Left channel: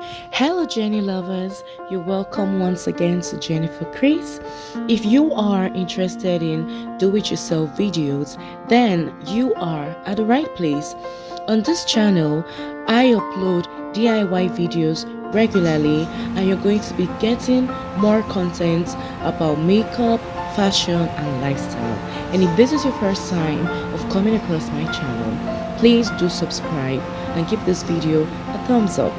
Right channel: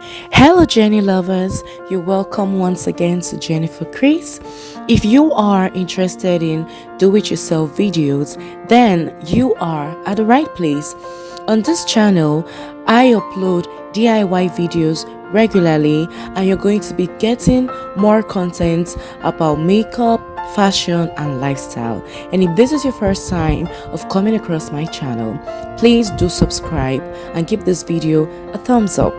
Hello, Jenny lovers. You're welcome once again to Jennifer Chris. If you are interested in do it yourself videos, then you are at the right place. On this channel, I upload DIY videos regularly, and you're going to be getting more content about makeup, fashion, and lifestyle. And if this is your first time of coming across my channel, please do subscribe and give this video a thumbs up.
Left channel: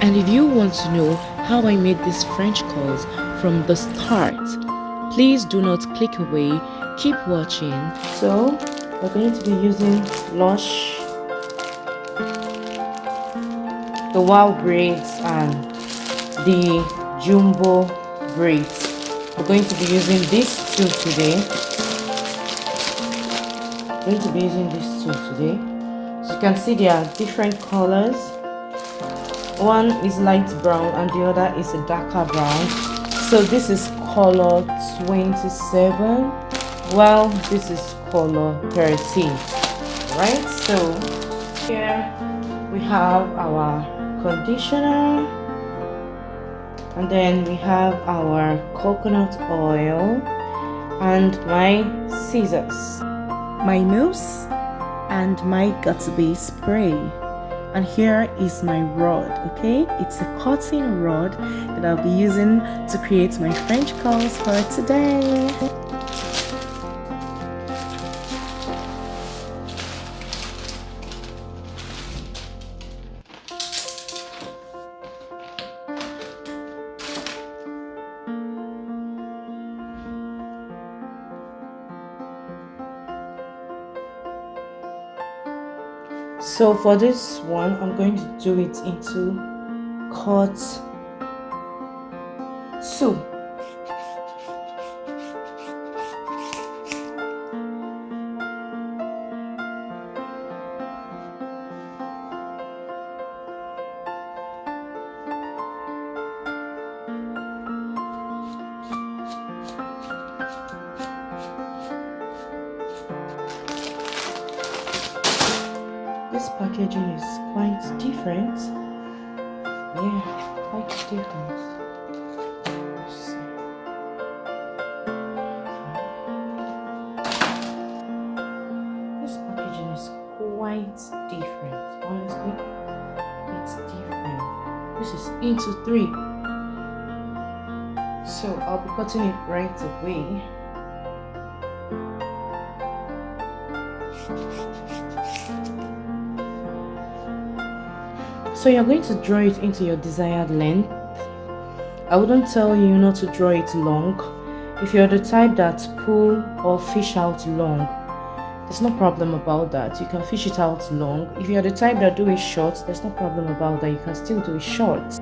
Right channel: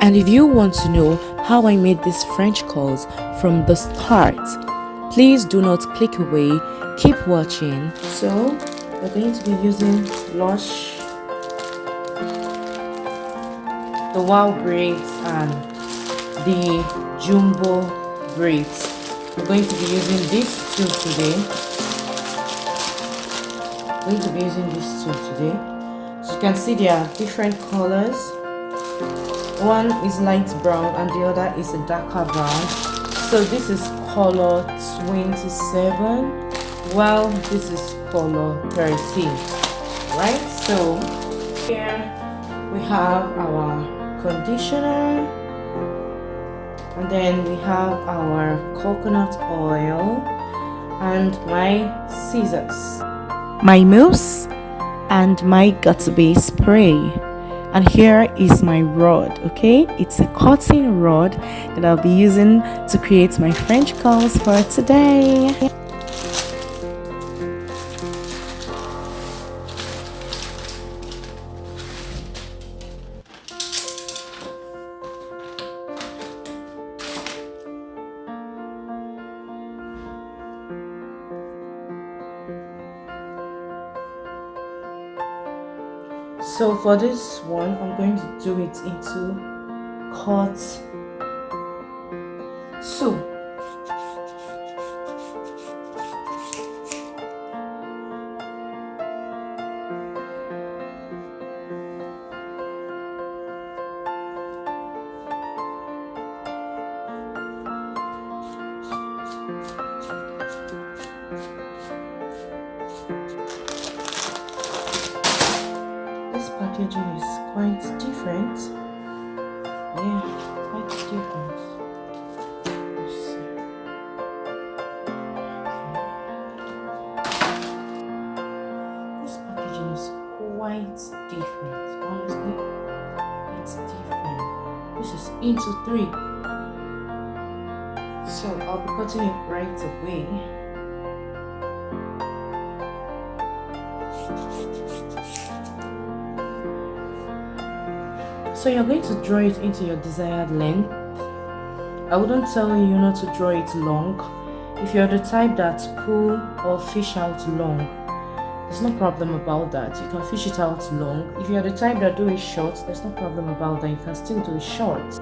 And if you want to know how I made these French curls from the start, please do not click away, keep watching. So we're going to be using Lush, the Wow braids, and the Jumbo braids. We're going to be using these two today. So you can see they are different colors. One is light brown and the other is a darker brown. So this is color 27 while this is color 13. Right, so here we have our conditioner, and then we have our coconut oil and my scissors, my mousse, and my got-to-be spray. And here is my rod. Okay, it's a cotton rod that I'll be using to create my French curls for today. So for this one, I'm going to do it into cut 2. This packaging is quite different. Yeah, quite different. Let's see. This packaging is quite different. Honestly, it's different. This is into 3. So I'll be cutting it right away. So you're going to draw it into your desired length. I wouldn't tell you not to draw it long. If you're the type that pull or fish out long, there's no problem about that. You can fish it out long. If you're the type that do it short, there's no problem about that. You can still do it short.